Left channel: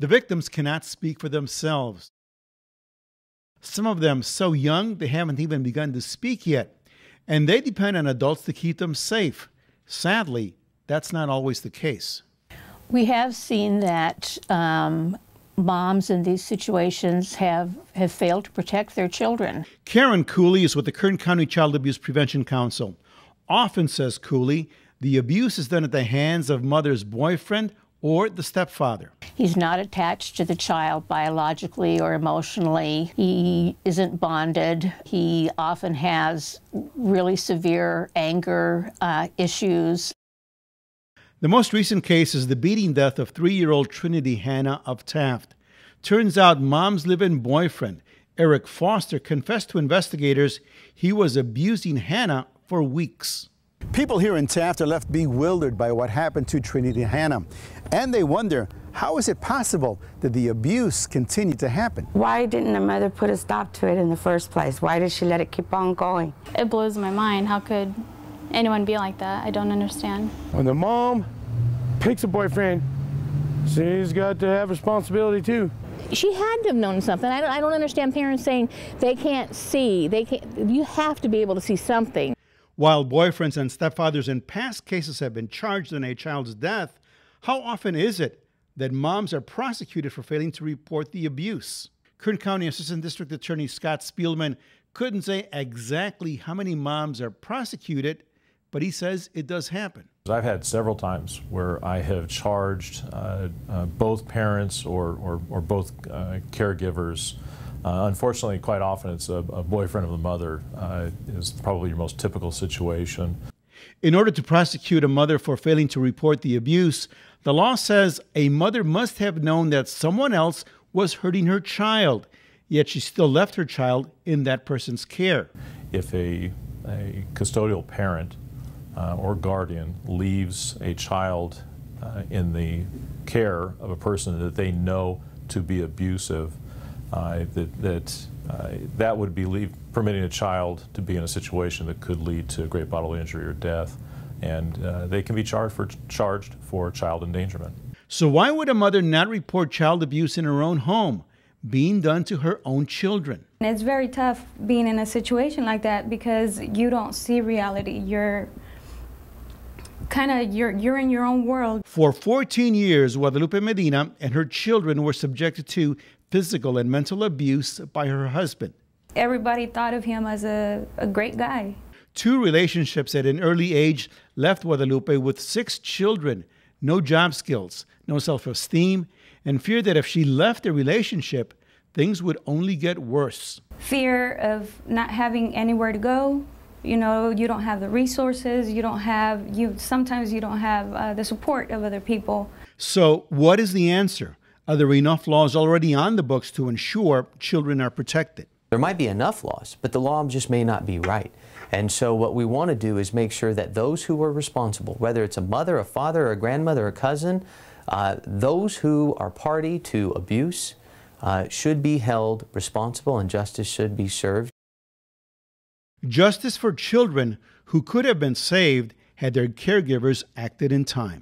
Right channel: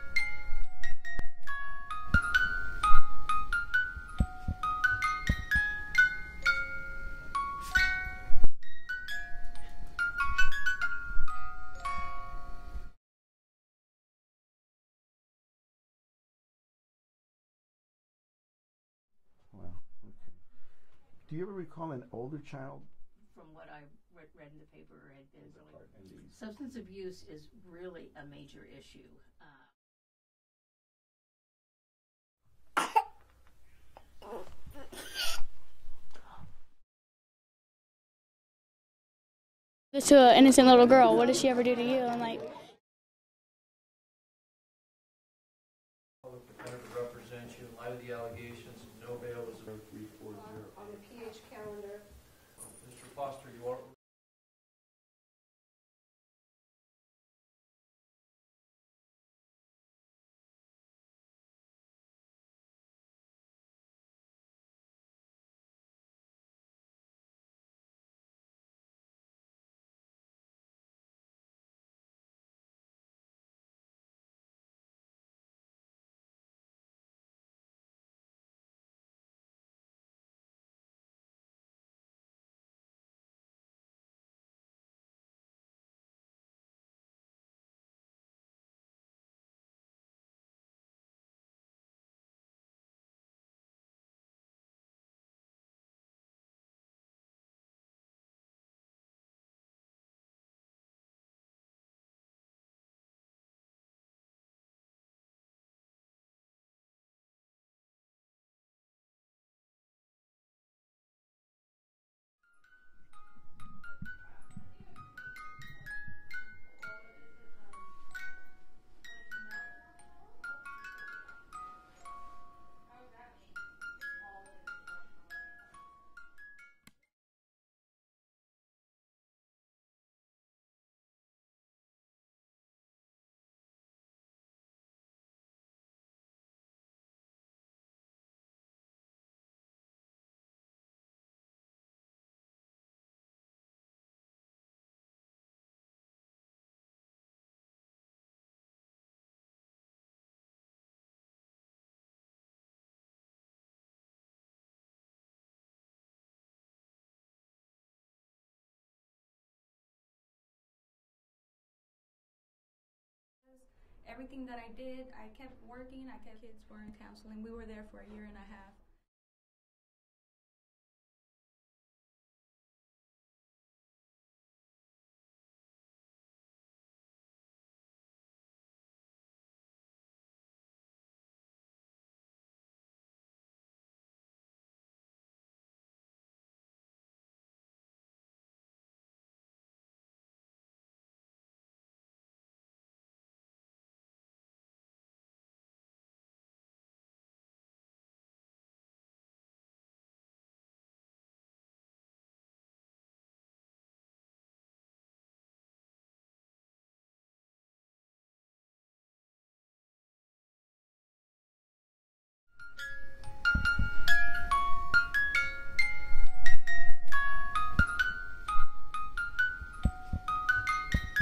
The victims cannot speak for themselves. Some of them so young they haven't even begun to speak yet, and they depend on adults to keep them safe. Sadly, that's not always the case. We have seen that moms in these situations have failed to protect their children. Karen Cooley is with the Kern County Child Abuse Prevention Council. Often, says Cooley, the abuse is done at the hands of mother's boyfriend or the stepfather. He's not attached to the child biologically or emotionally. He isn't bonded. He often has really severe anger issues. To an innocent little girl, what is she? The most recent case is the beating death of 3-year-old Trinity Hannah of Taft. Turns out mom's live-in boyfriend, Eric Foster, confessed to investigators he was abusing Hannah for weeks. People here in Taft are left bewildered by what happened to Trinity Hannah. And they wonder, how is it possible that the abuse continued to happen? Why didn't the mother put a stop to it in the first place? Why did she let it keep on going? It blows my mind. How could anyone be like that? I don't understand. When the mom picks a boyfriend, she's got to have responsibility too. She had to have known something. I don't understand parents saying they can't see. You have to be able to see something. While boyfriends and stepfathers in past cases have been charged in a child's death, how often is it that moms are prosecuted for failing to report the abuse? Kern County Assistant District Attorney Scott Spielman couldn't say exactly how many moms are prosecuted, but he says it does happen. I've had several times where I have charged both parents or both caregivers. Unfortunately, quite often it's a boyfriend of the mother is probably your most typical situation. In order to prosecute a mother for failing to report the abuse, the law says a mother must have known that someone else was hurting her child, yet she still left her child in that person's care. If a custodial parent or guardian leaves a child in the care of a person that they know to be abusive, that would be permitting a child to be in a situation that could lead to great bodily injury or death, and they can be charged for child endangerment. So why would a mother not report child abuse in her own home, being done to her own children? It's very tough being in a situation like that because you don't see reality. You're in your own world. For 14 years, Guadalupe Medina and her children were subjected to physical and mental abuse by her husband. Everybody thought of him as a great guy. 2 relationships at an early age left Guadalupe with 6 children, no job skills, no self-esteem, and fear that if she left the relationship, things would only get worse. Fear of not having anywhere to go. You know, you don't have the resources, sometimes you don't have the support of other people. So what is the answer? Are there enough laws already on the books to ensure children are protected? There might be enough laws, but the law just may not be right. And so what we want to do is make sure that those who are responsible, whether it's a mother, a father, a grandmother, a cousin, those who are party to abuse should be held responsible and justice should be served. Justice for children who could have been saved had their caregivers acted in time.